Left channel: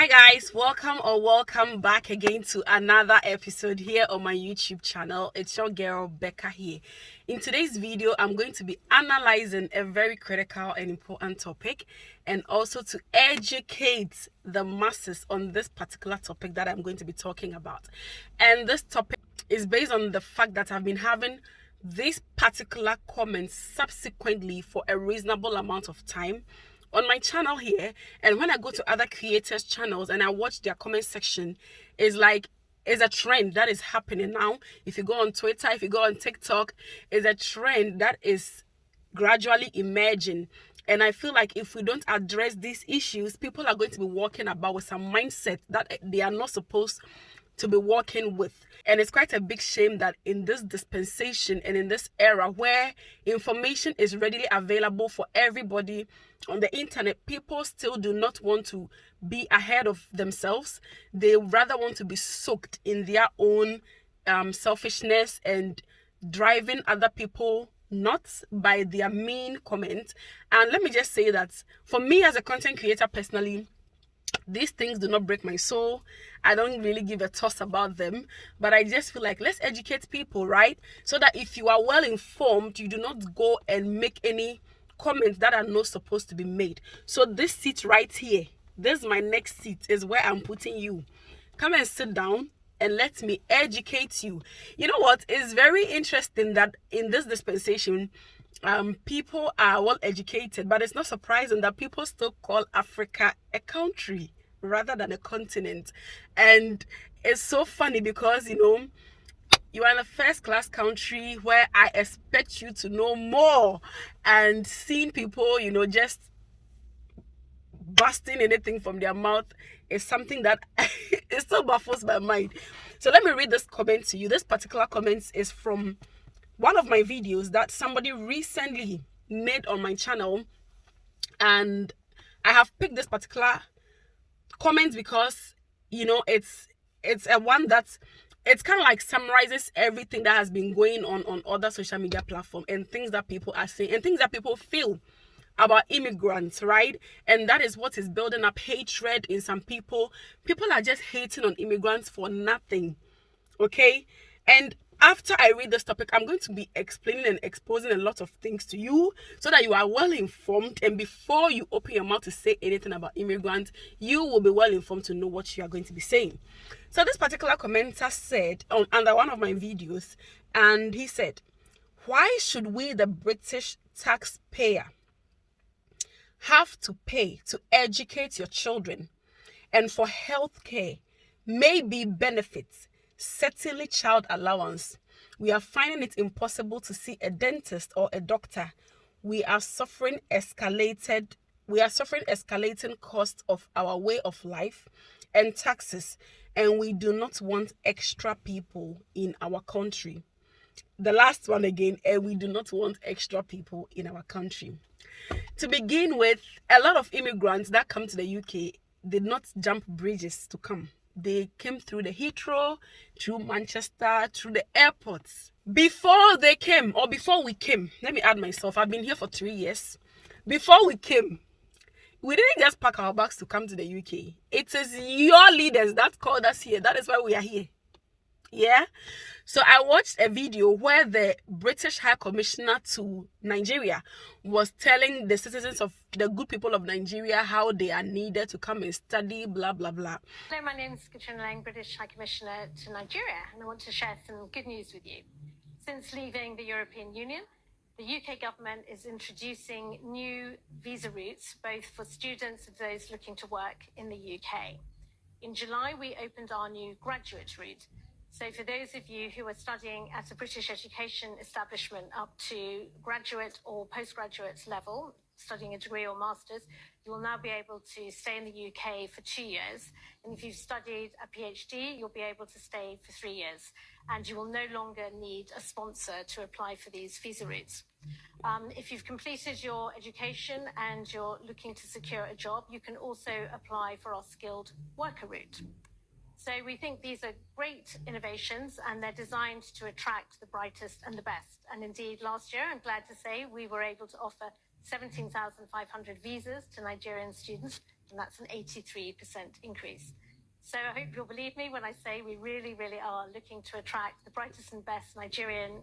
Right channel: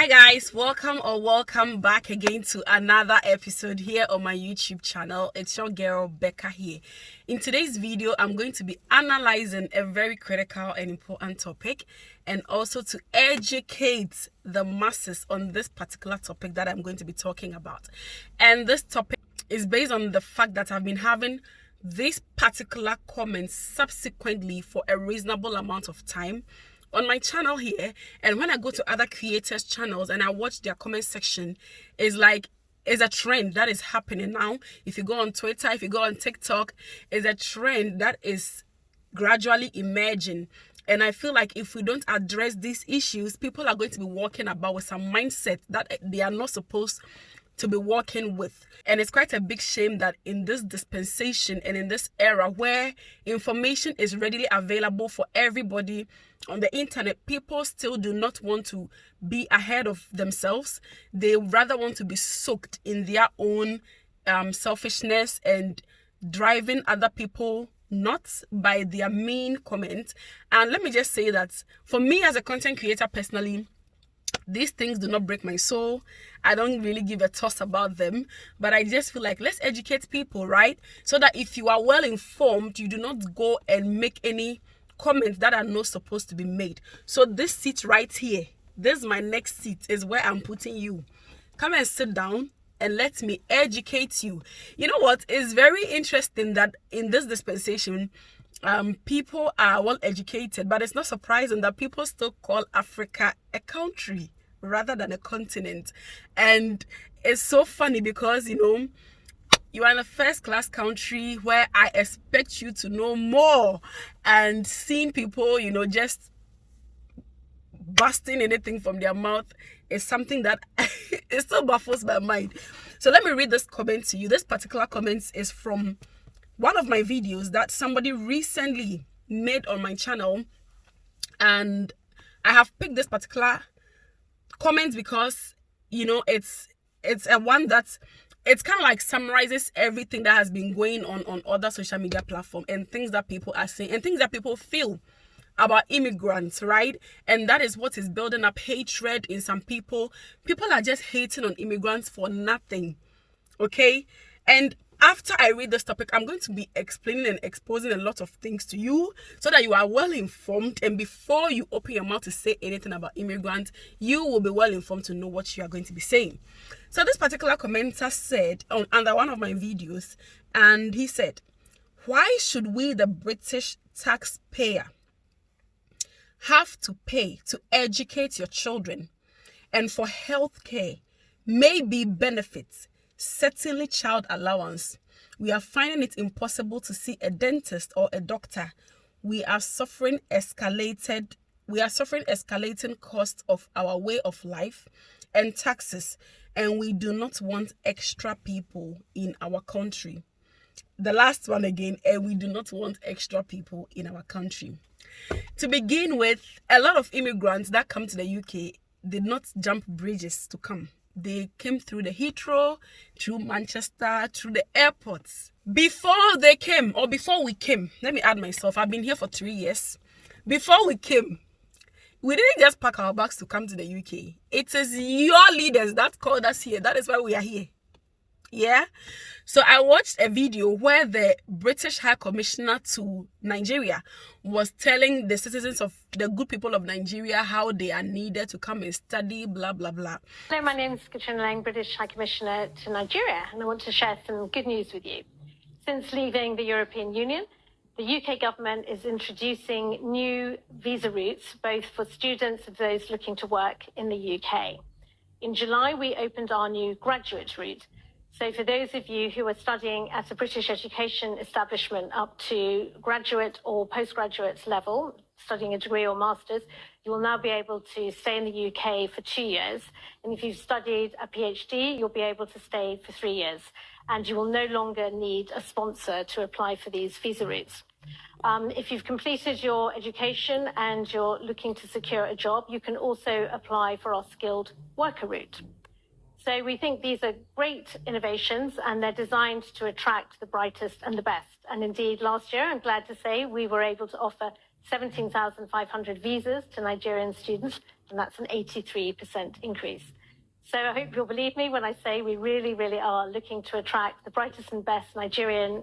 Hi guys, welcome back again to another episode here on my YouTube channel. It's your girl Becca here. In today's video, I'm going to be analyzing a very critical and important topic, and also to educate the masses on this particular topic that I'm going to be talking about. And this topic is based on the fact that I've been having these particular comments subsequently for a reasonable amount of time on my channel here. And when I go to other creators channels and I watch their comment section, it's a trend that is happening now. If you go on Twitter, if you go on TikTok, it's a trend that is gradually emerging. And I feel like if we don't address these issues, people are going to be walking about with some mindset that they are not supposed to be working with. And it's quite a big shame that in this dispensation and in this era where information is readily available for everybody on the internet, people still do not want to be ahead of themselves. They rather want to be soaked in their own selfishness and driving other people nuts by their mean comments. And let me just say that for me as a content creator personally, these things do not break my soul. I don't really give a toss about them, but I just feel like let's educate people, right? So that if you are well informed, you do not go and make any comments that are not supposed to be made. So this seat right here, this is my next seat, is where I'm putting you. Come and sit down and let me educate you. You know what? It's very interesting that in this dispensation, people are well educated, but it's not surprising that people still call Africa a country rather than a continent. And it's so funny because you are in a first class country where I expect you to know more, and seeing people just busting anything from their mouth is something that it still baffles my mind. So let me read this comment to you. This particular comment is from one of my videos that somebody recently made on my channel, and I have picked this particular comment because it's a one that it's kind of like summarizes everything that has been going on other social media platforms and things that people are saying and things that people feel about immigrants, right? And that is what is building up hatred in some people. People are just hating on immigrants for nothing, okay? And after I read this topic, I'm going to be explaining and exposing a lot of things to you so that you are well informed, and before you open your mouth to say anything about immigrants, you will be well informed to know what you are going to be saying. So this particular commenter said under one of my videos, and he said, why should we, the British taxpayer, have to pay to educate your children and for healthcare, maybe benefits, certainly child allowance? We are finding it impossible to see a dentist or a doctor. We are suffering escalating costs of our way of life and taxes, and we do not want extra people in our country. The last one again, and we do not want extra people in our country. To begin with, a lot of immigrants that come to the UK did not jump bridges to come. They came through the Heathrow, through Manchester, through the airports. Before they came, or before we came, let me add myself, I've been here for 3 years. Before we came, we didn't just pack our bags to come to the UK. It is your leaders that called us here. That is why we are here. Yeah. So I watched a video where the British High Commissioner to Nigeria was telling the citizens of the good people of Nigeria how they are needed to come and study, blah, blah, blah. Hello, my name is Katrina Lang, British High Commissioner to Nigeria, and I want to share some good news with you. Since leaving the European Union, the UK government is introducing new visa routes, both for students and those looking to work in the UK. In July, we opened our new graduate route. So for those of you who are studying at a British education establishment up to graduate or postgraduate level, studying a degree or master's, you will now be able to stay in the UK for 2 years. And if you've studied a PhD, you'll be able to stay for 3 years. And you will no longer need a sponsor to apply for these visa routes. If you've completed your education and you're looking to secure a job, you can also apply for our skilled worker route. So we think these are great innovations, and they're designed to attract the brightest and the best. And indeed, last year, I'm glad to say, we were able to offer 17,500 visas to Nigerian students and that's an 83% increase. So I hope you'll believe me when I say we really, really are looking to attract the brightest and best Nigerian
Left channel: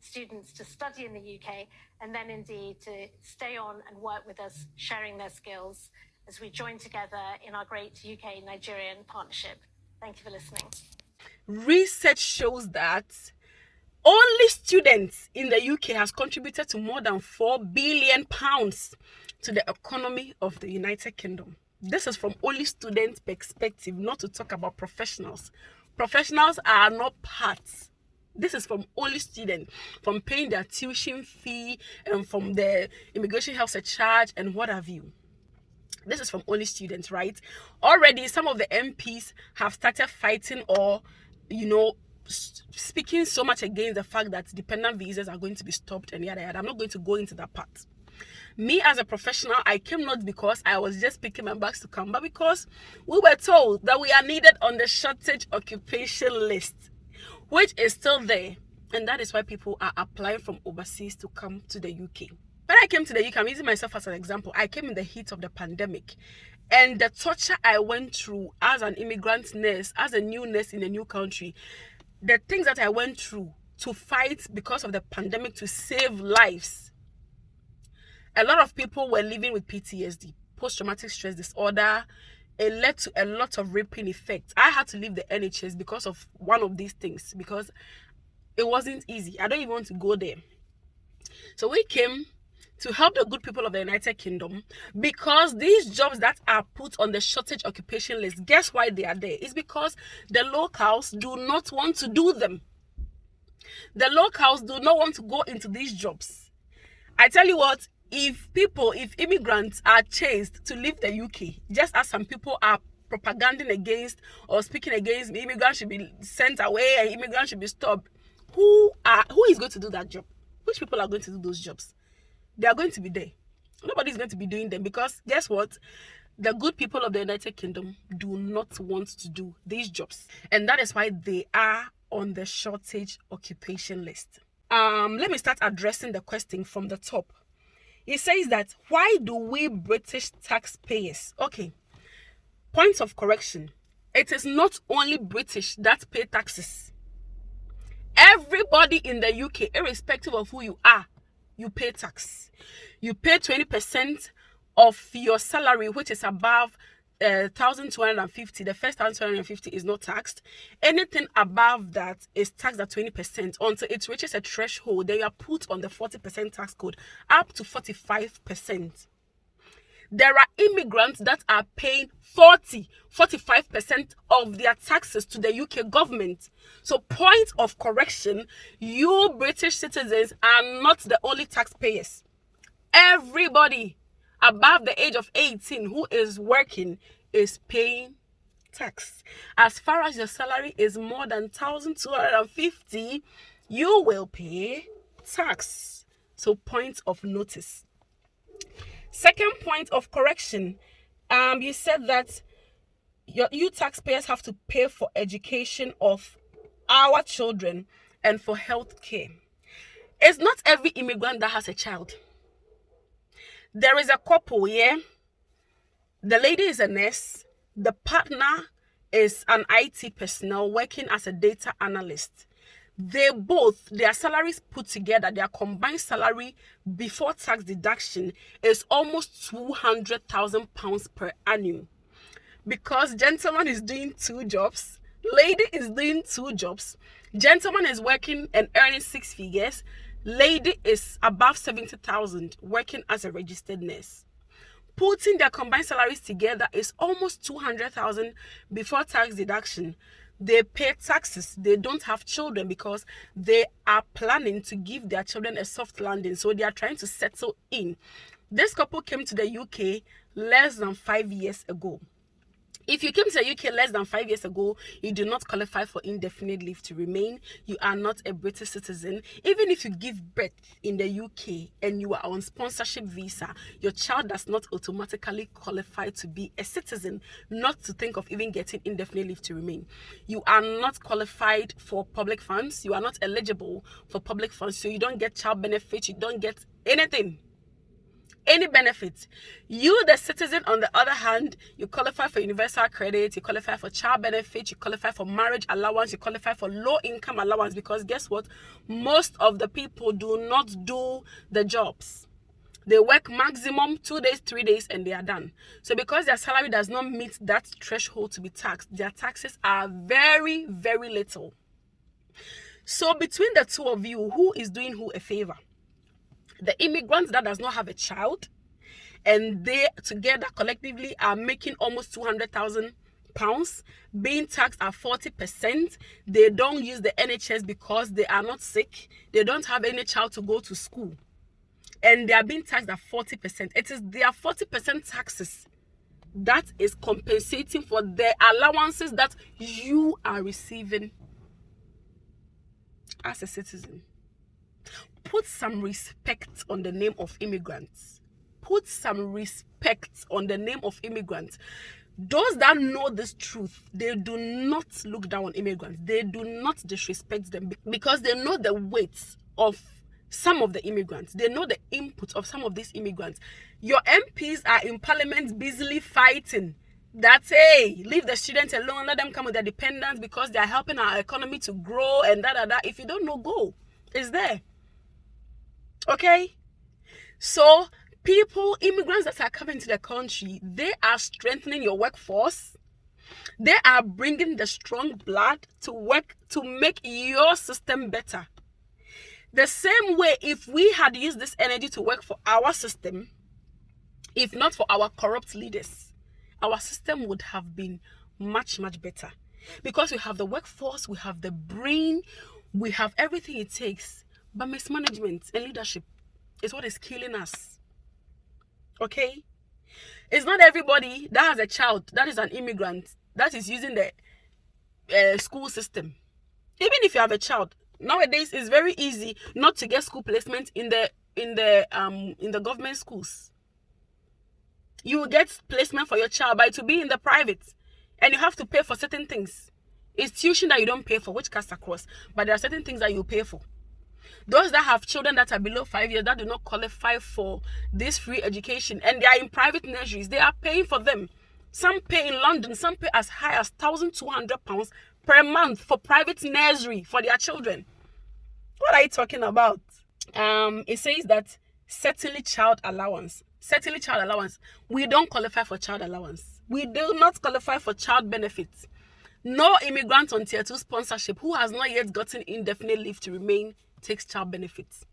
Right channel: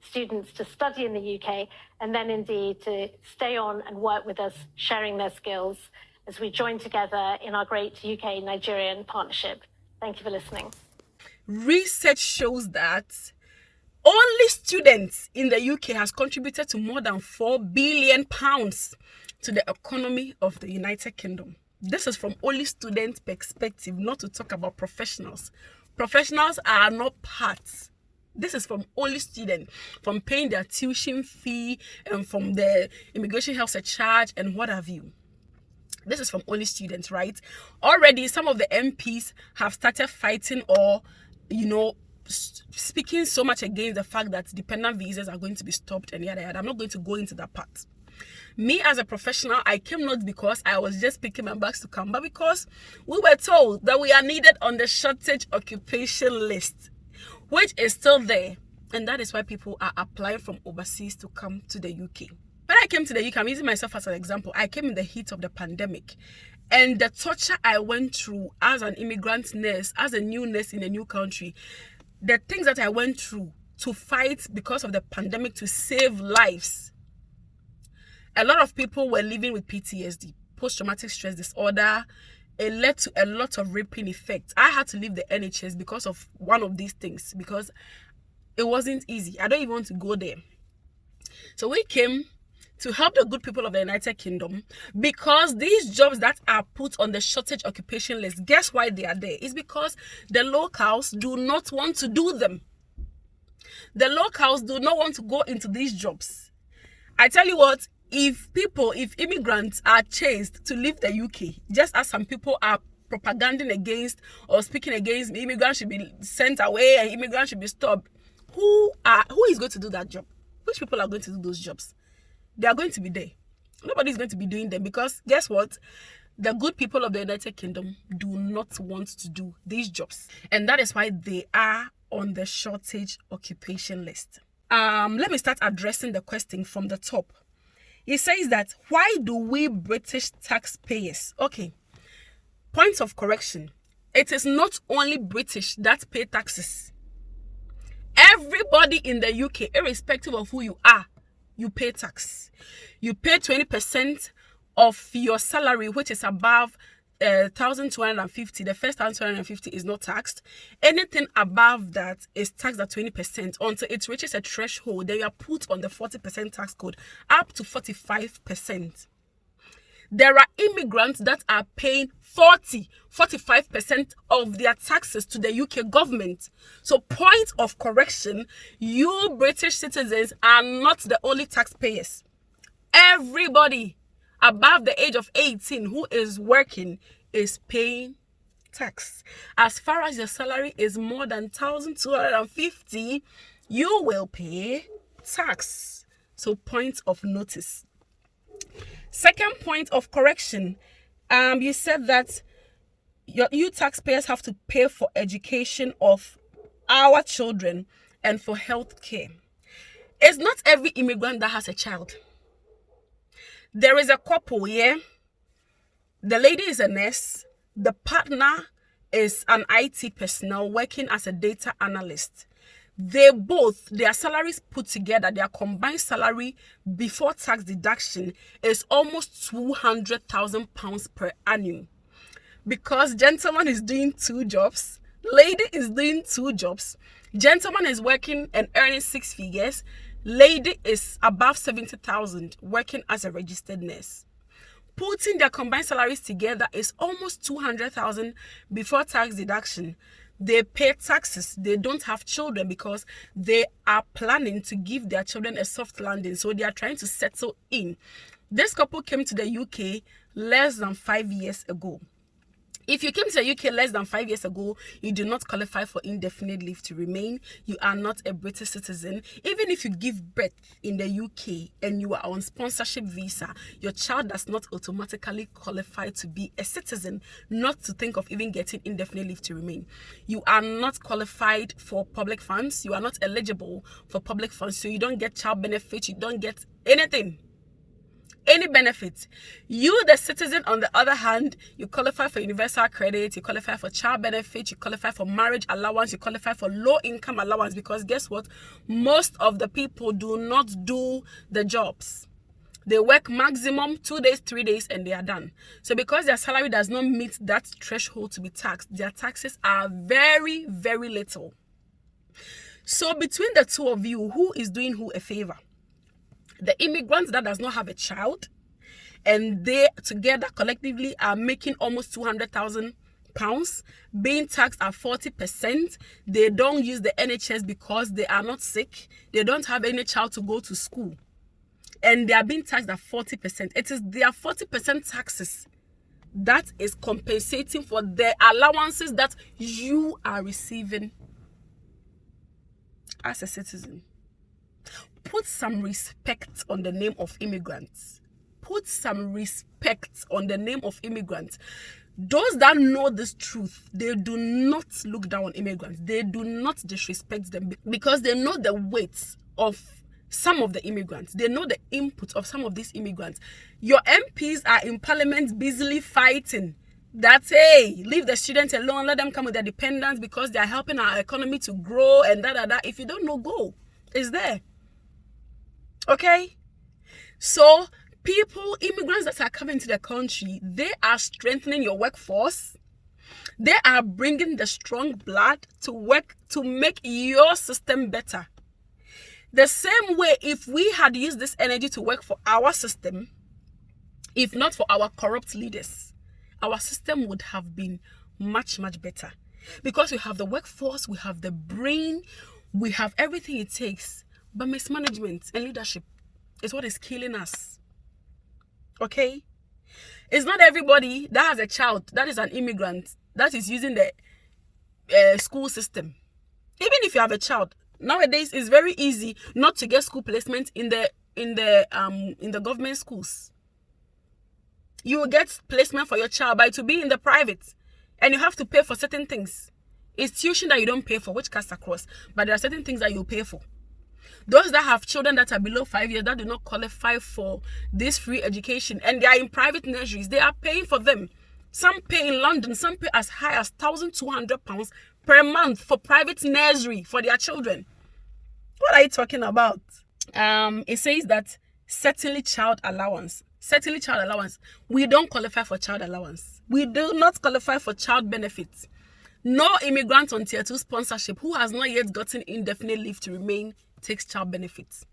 students to study in the UK, and then indeed to stay on and work with us, sharing their skills as we join together in our great UK-Nigerian partnership. Thank you for listening. Research shows that only students in the UK has contributed to more than £4 billion to the economy of the United Kingdom. This is from only student perspective, not to talk about professionals. Professionals are not parts. This is from only students, from paying their tuition fee and from the immigration health charge and what have you. This is from only students, right? Already, some of the MPs have started fighting or, speaking so much against the fact that dependent visas are going to be stopped and yada yada. I'm not going to go into that part. Me as a professional, I came not because I was just picking my bags to come, but because we were told that we are needed on the shortage occupation list, which is still there. And that is why people are applying from overseas to come to the UK. When I came to the UK, I'm using myself as an example. I came in the heat of the pandemic. And the torture I went through as an immigrant nurse, as a new nurse in a new country, the things that I went through to fight because of the pandemic to save lives. A lot of people were living with PTSD, post-traumatic stress disorder. It led to a lot of rippling effects. I had to leave the NHS because of one of these things, because it wasn't easy. I don't even want to go there. So we came to help the good people of the United Kingdom, because these jobs that are put on the shortage occupation list, guess why they are there? It's because the locals do not want to do them. The locals do not want to go into these jobs. I tell you what, if immigrants are chased to leave the UK, just as some people are propaganding against or speaking against immigrants should be sent away and immigrants should be stopped, who is going to do that job? Which people are going to do those jobs? They are going to be there. Nobody's going to be doing them, because guess what? The good people of the United Kingdom do not want to do these jobs. And that is why they are on the shortage occupation list. Let me start addressing the question from the top. It says that, why do we British taxpayers? Okay, points of correction. It is not only British that pay taxes. Everybody in the UK, irrespective of who you are, you pay tax. You pay 20% of your salary, which is above 1,250. The first 1,250 is not taxed. Anything above that is taxed at 20% until it reaches a threshold. Then you are put on the 40% tax code, up to 45%. There are immigrants that are paying 45% of their taxes to the UK government. So, point of correction, you British citizens are not the only taxpayers. Everybody above the age of 18 who is working is paying tax. As far as your salary is more than 1,250, you will pay tax. So, point of notice. Second point of correction, you said that you taxpayers have to pay for education of our children and for health care. It's not every immigrant that has a child. There is a couple here. The lady is a nurse. The partner is an IT personnel working as a data analyst. Their salaries put together, their combined salary before tax deduction is almost £200,000 per annum. Because gentleman is doing 2 jobs, lady is doing 2 jobs. Gentleman is working and earning 6 figures. Lady is above 70,000 working as a registered nurse. Putting their combined salaries together is almost 200,000 before tax deduction. They pay taxes. They don't have children because they are planning to give their children a soft landing. So they are trying to settle in. This couple came to the UK less than 5 years ago. If you came to the UK less than 5 years ago, you do not qualify for indefinite leave to remain. You are not a British citizen. Even if you give birth in the UK and you are on sponsorship visa, your child does not automatically qualify to be a citizen, not to think of even getting indefinite leave to remain. You are not qualified for public funds. You are not eligible for public funds, so you don't get child benefits. You don't get anything. any benefit. You, the citizen, on the other hand, you qualify for universal credit, you qualify for child benefit, you qualify for marriage allowance, you qualify for low income allowance, because guess what? Most of the people do not do the jobs. They work maximum 2 days, 3 days, and they are done. So because their salary does not meet that threshold to be taxed, their taxes are very, very little. So between the two of you, who is doing who a favor? The immigrant that does not have a child, and they together collectively are making almost £200,000, being taxed at 40%. They don't use the NHS because they are not sick. They don't have any child to go to school, and they are being taxed at 40%. It is their 40% taxes that is compensating for the allowances that you are receiving as a citizen. Put some respect on the name of immigrants. Put some respect on the name of immigrants. Those that know this truth, they do not look down on immigrants. They do not disrespect them because they know the weight of some of the immigrants. They know the input of some of these immigrants. Your MPs are in parliament busily fighting that, hey, leave the students alone, let them come with their dependents because they are helping our economy to grow and da. If you don't know, go. It's there. Okay? So people, immigrants that are coming to the country, they are strengthening your workforce. They are bringing the strong blood to work to make your system better. The same way, if we had used this energy to work for our system, if not for our corrupt leaders, our system would have been much, much better. Because we have the workforce, we have the brain, we have everything it takes. But mismanagement and leadership is what is killing us. Okay? It's not everybody that has a child that is an immigrant that is using the school system. Even if you have a child, nowadays it's very easy not to get school placement in the government schools. You will get placement for your child, but it will be in the private, and you have to pay for certain things. It's tuition that you don't pay for, which cuts across, but there are certain things that you pay for. Those that have children that are below 5 years that do not qualify for this free education, and they are in private nurseries, they are paying for them. Some pay in London, some pay as high as £1,200 per month for private nursery for their children. What are you talking about? It says that certainly child allowance. Certainly child allowance. We don't qualify for child allowance. We do not qualify for child benefits. No immigrant on tier 2 sponsorship who has not yet gotten indefinite leave to remain takes child benefits.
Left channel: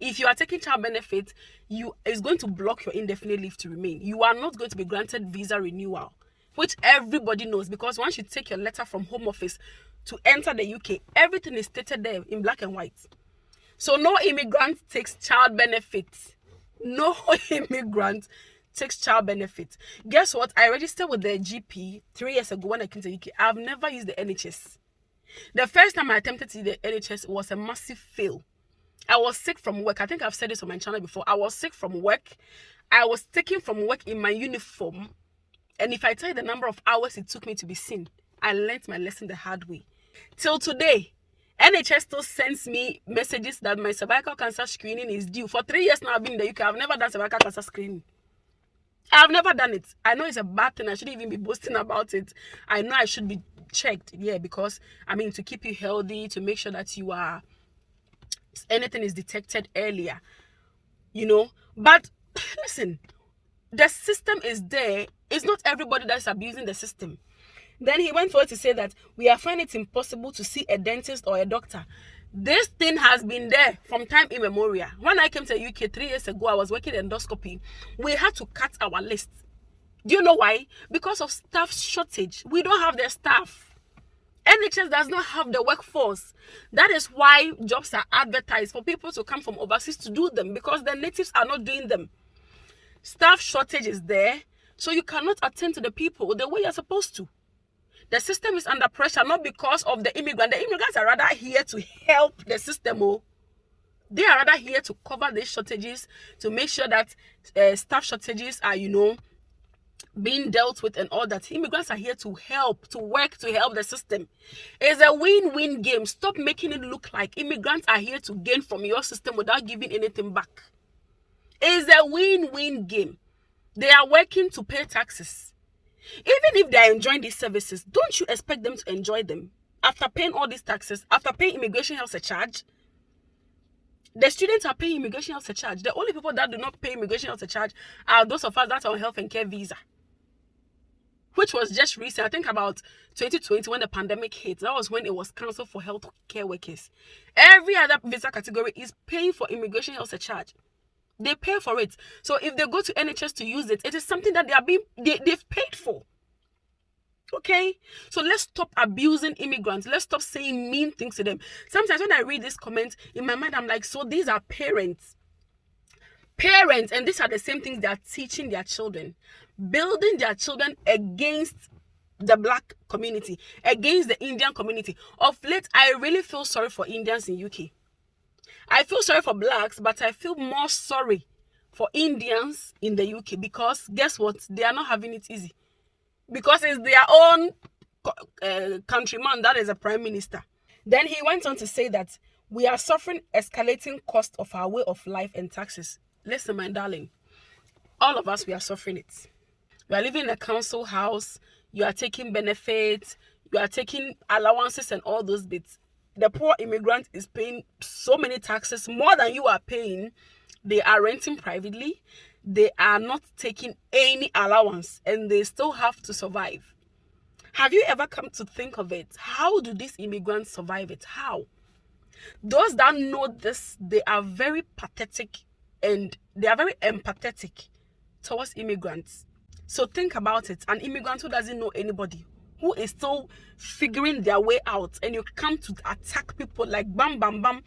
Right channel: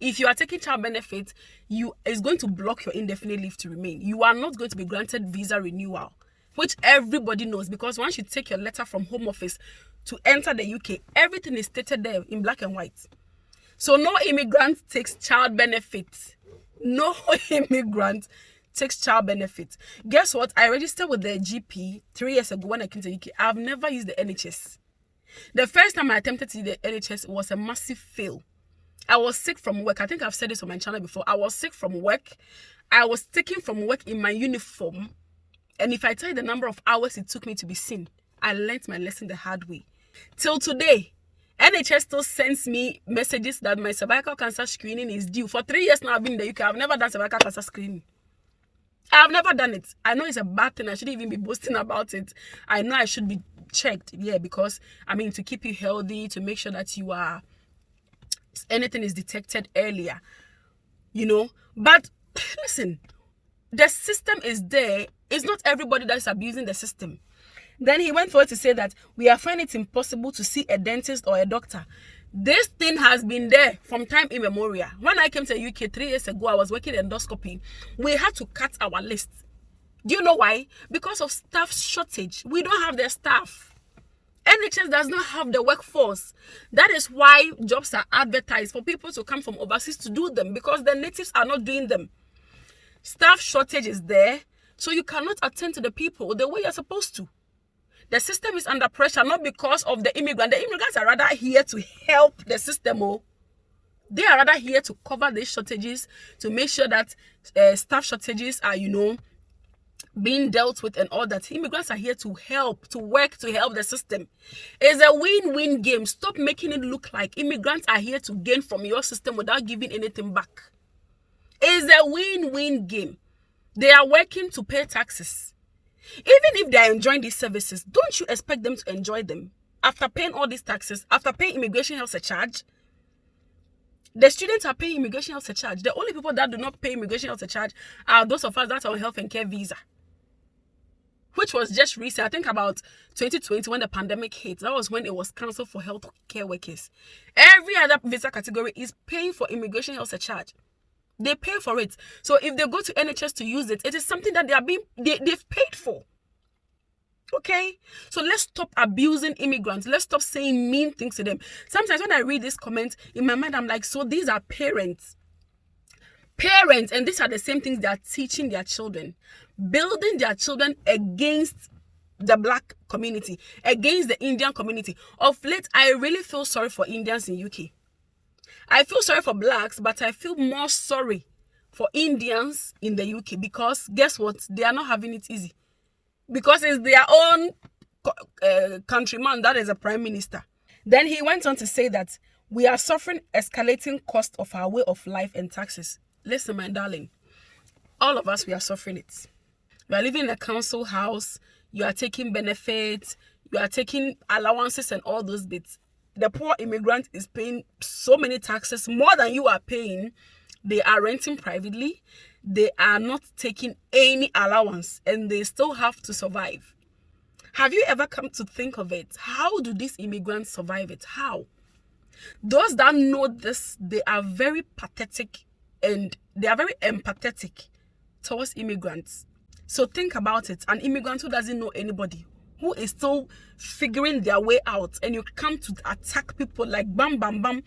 If you are taking child benefits, it's going to block your indefinite leave to remain. You are not going to be granted visa renewal, which everybody knows, because once you take your letter from Home Office to enter the UK, everything is stated there in black and white. So no immigrant takes child benefits. No immigrant takes child benefits. Guess what? I registered with the GP 3 years ago when I came to the UK. I've never used the NHS. The first time I attempted to use the NHS was a massive fail. I was sick from work. I think I've said this on my channel before. I was sick from work. I was taken from work in my uniform. And if I tell you the number of hours it took me to be seen, I learned my lesson the hard way. Till today, NHS still sends me messages that my cervical cancer screening is due. For 3 years now I've been in the UK. I've never done cervical cancer screening. I've never done it. I know it's a bad thing. I shouldn't even be boasting about it. I know I should be checked. Yeah, because, I mean, to keep you healthy, to make sure that you are, anything is detected earlier. You know? But, listen, the system is there. It's not everybody that's abusing the system. Then he went forward to say that we are finding it impossible to see a dentist or a doctor. This thing has been there from time immemorial. When I came to the UK 3 years ago, I was working endoscopy. We had to cut our list. Do you know why? Because of staff shortage. We don't have the staff. NHS does not have the workforce. That is why jobs are advertised for people to come from overseas to do them, because the natives are not doing them. Staff shortage is there, so you cannot attend to the people the way you're supposed to. The system is under pressure, not because of the immigrant. The immigrants are rather here to help the system. They are rather here to cover these shortages, to make sure that staff shortages are, being dealt with and all that. Immigrants are here to help, to work, to help the system. It's a win-win game. Stop making it look like immigrants are here to gain from your system without giving anything back. It's a win-win game. They are working to pay taxes. Even if they are enjoying these services, don't you expect them to enjoy them? After paying all these taxes, after paying immigration health surcharge, the students are paying immigration health surcharge. The only people that do not pay immigration health surcharge are those of us that are on health and care visa, which was just recent. I think about 2020 when the pandemic hit. That was when it was cancelled for health care workers. Every other visa category is paying for immigration health surcharge. They pay for it. So if they go to NHS to use it, it is something that they've paid for. Okay, so let's stop abusing immigrants. Let's stop saying mean things to them. Sometimes when I read this comment in my mind, I'm like, so these are parents, and these are the same things they are teaching their children, building their children against the black community, against the Indian community. Of late, I really feel sorry for Indians in UK. I feel sorry for blacks, but I feel more sorry for Indians in the UK, because guess what? They are not having it easy. Because it's their own countryman that is a prime minister. Then he went on to say that we are suffering escalating cost of our way of life and taxes. Listen, my darling, all of us, we are suffering it. You are living in a council house, you are taking benefits, you are taking allowances and all those bits. The poor immigrant is paying so many taxes, more than you are paying. They are renting privately. They are not taking any allowance, and they still have to survive. Have you ever come to think of it? How do these immigrants survive it? How? Those that know this, they are very pathetic and they are very empathetic towards immigrants. So think about it. An immigrant who doesn't know anybody, who is still figuring their way out, and you come to attack people like bam, bam, bam.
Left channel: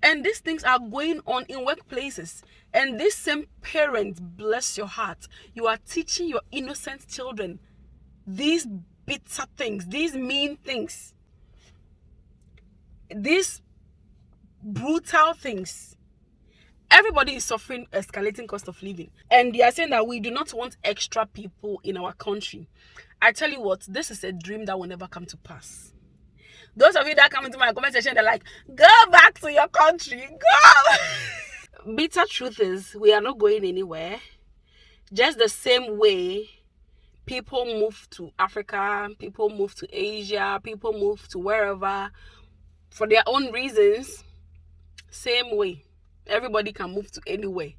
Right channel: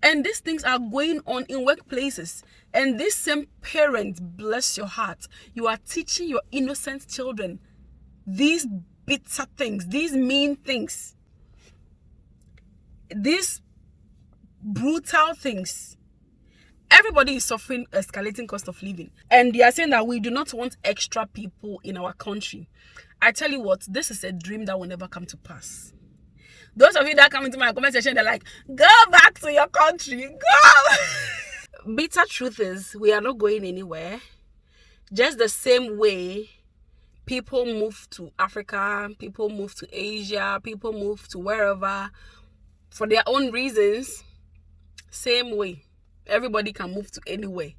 And these things are going on in workplaces. And this same parent, bless your heart, you are teaching your innocent children these bitter things, these mean things, these brutal things. Everybody is suffering escalating cost of living. And they are saying that we do not want extra people in our country. I tell you what, this is a dream that will never come to pass. Those of you that come into my comment section, they're like, go back to your country, go. Bitter truth is, we are not going anywhere. Just the same way people move to Africa, people move to Asia, people move to wherever for their own reasons. Same way. Everybody can move to anywhere.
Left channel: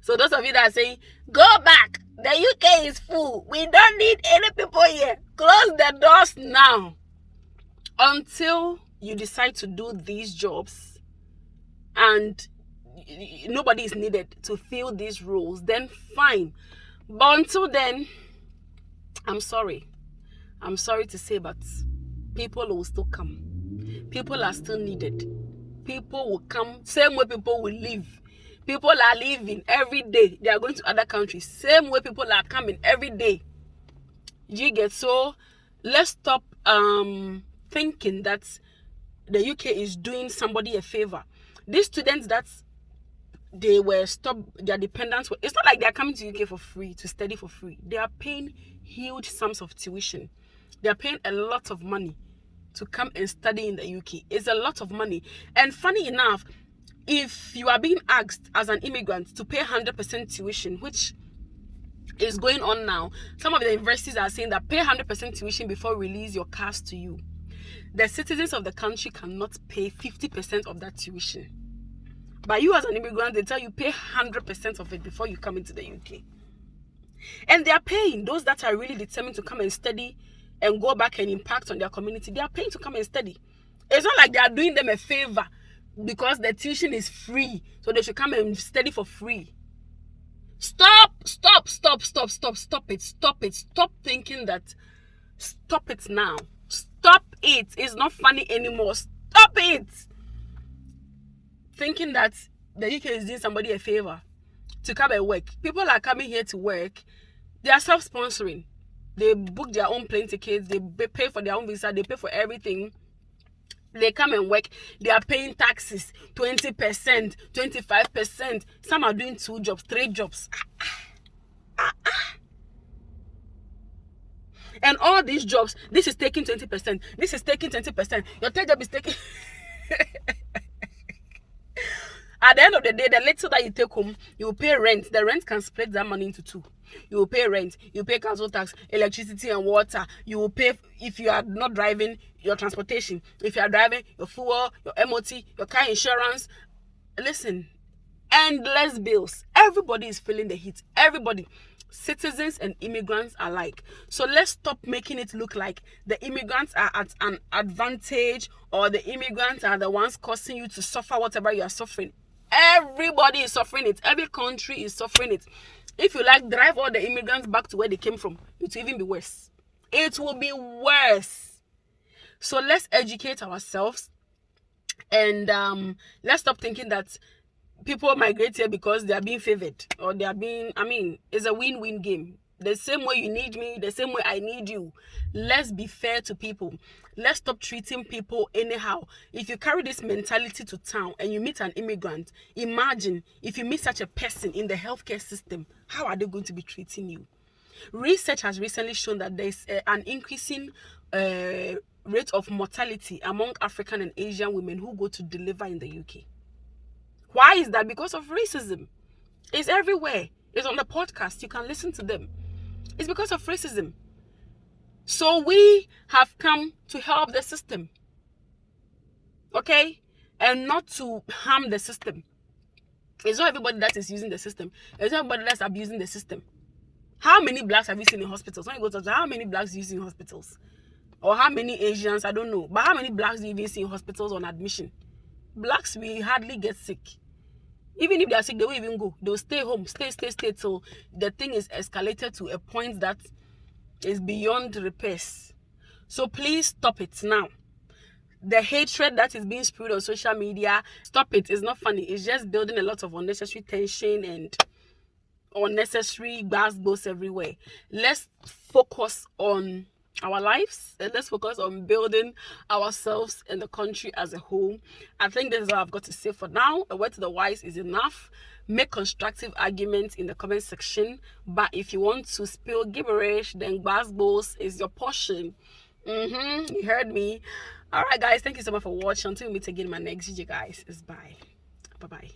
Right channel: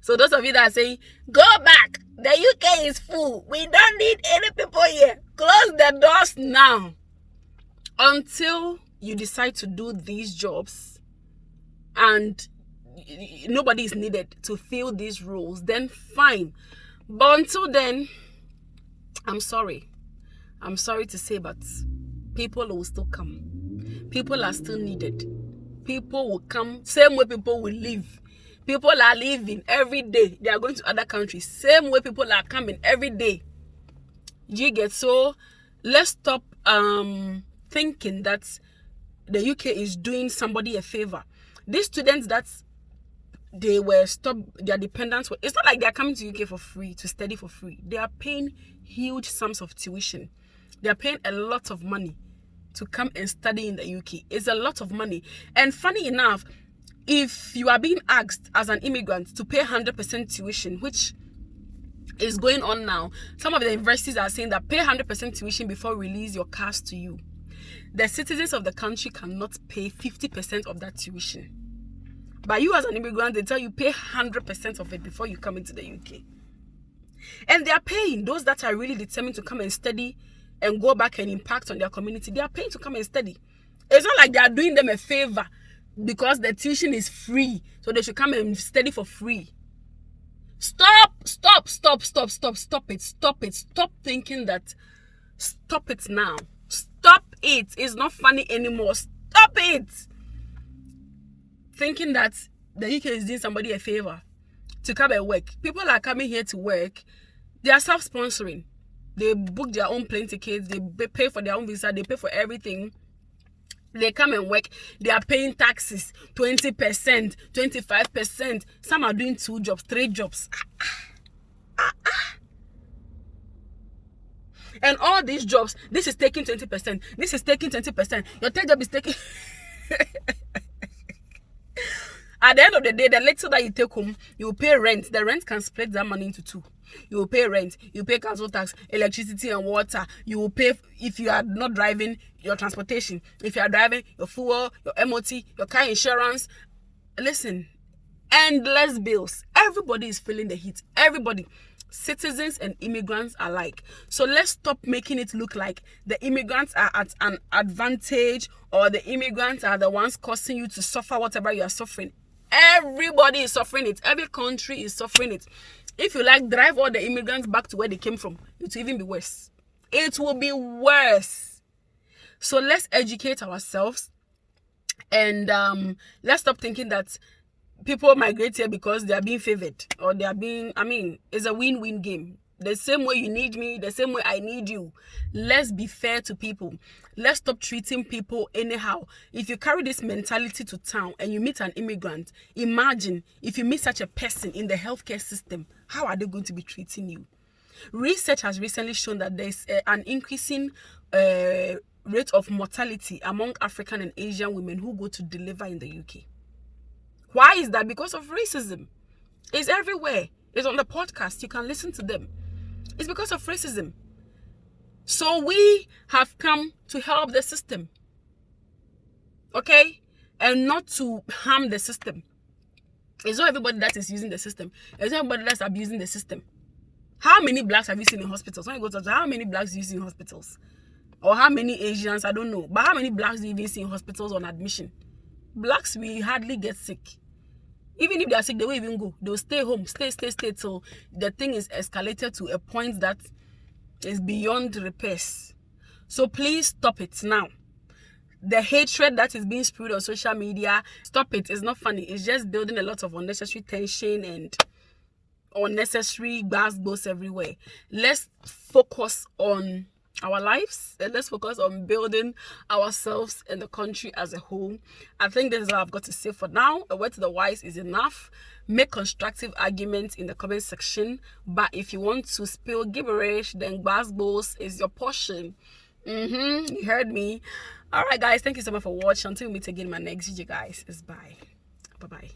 So those of you that are saying, go back, the UK is full, we don't need any people here, close the doors now. Until you decide to do these jobs and nobody is needed to fill these roles, then fine. But until then, I'm sorry to say, but people will still come. People are still needed. People will come, same way people will leave. People are leaving every day. They are going to other countries. Same way people are coming every day. You get? So let's stop thinking that the UK is doing somebody a favor. These students that they were stopped, their dependents were, it's not like they're coming to UK for free, to study for free. They are paying huge sums of tuition. They are paying a lot of money to come and study in the UK. It's a lot of money. And funny enough, if you are being asked as an immigrant to pay 100% tuition, which is going on now, some of the universities are saying that pay 100% tuition before release your cars to you. The citizens of the country cannot pay 50% of that tuition. But you as an immigrant, they tell you pay 100% of it before you come into the UK. And they are paying those that are really determined to come and study and go back and impact on their community. They are paying to come and study. It's not like they are doing them a favor because the tuition is free, so they should come and study for free. Stop it. Stop thinking that. Stop it now. Stop it. It's not funny anymore. Stop it. Thinking that the UK is doing somebody a favor to come and work. People are coming here to work. They are self-sponsoring. They book their own plane tickets. They pay for their own visa. They pay for everything. They come and work. They are paying taxes, 20%, 25%. Some are doing 2 jobs, 3 jobs. And all these jobs, this is taking 20%. This is taking 20%. Your third job is taking... At the end of the day, the little that you take home, you will pay rent. The rent can split that money into two. You will pay rent, you pay council tax, electricity and water. You will pay, if you are not driving, your transportation. If you are driving, your fuel, your MOT, your car insurance. Listen, endless bills. Everybody is feeling the heat. Everybody, citizens and immigrants alike. So let's stop making it look like the immigrants are at an advantage, or the immigrants are the ones causing you to suffer whatever you are suffering. Everybody is suffering it. Every country is suffering it. If you like, drive all the immigrants back to where they came from. It will even be worse. It will be worse. So let's educate ourselves, and let's stop thinking that people migrate here because they are being favored, or they are being, it's a win-win game. The same way you need me, the same way I need you. Let's be fair to people. Let's stop treating people anyhow. If you carry this mentality to town and you meet an immigrant, imagine if you meet such a person in the healthcare system, how are they going to be treating you? Research has recently shown that there's an increasing rate of mortality among African and Asian women who go to deliver in the UK. Why is that? Because of racism. It's everywhere. It's on the podcast. You can listen to them. It's because of racism. So we have come to help the system. Okay? And not to harm the system. It's not everybody that is using the system. It's not everybody that's abusing the system. How many blacks have you seen in hospitals? When you go to how many blacks do you see in hospitals? Or how many Asians? I don't know. But how many blacks do you even see in hospitals on admission? Blacks will hardly get sick. Even if they are sick, they won't even go. They'll stay home, stay till the thing is escalated to a point that is beyond repairs. So please stop it now. The hatred that is being spewed on social media, stop it. It's not funny. It's just building a lot of unnecessary tension and unnecessary gossip everywhere. Let's focus on our lives, and let's focus on building ourselves and the country as a whole. I think this is all I've got to say for now. A word to the wise is enough. Make constructive arguments in the comment section, but if you want to spill gibberish, then Gbasgbos is your portion. You heard me. All right guys, thank you so much for watching. Until we meet again in my next video guys, it's bye bye.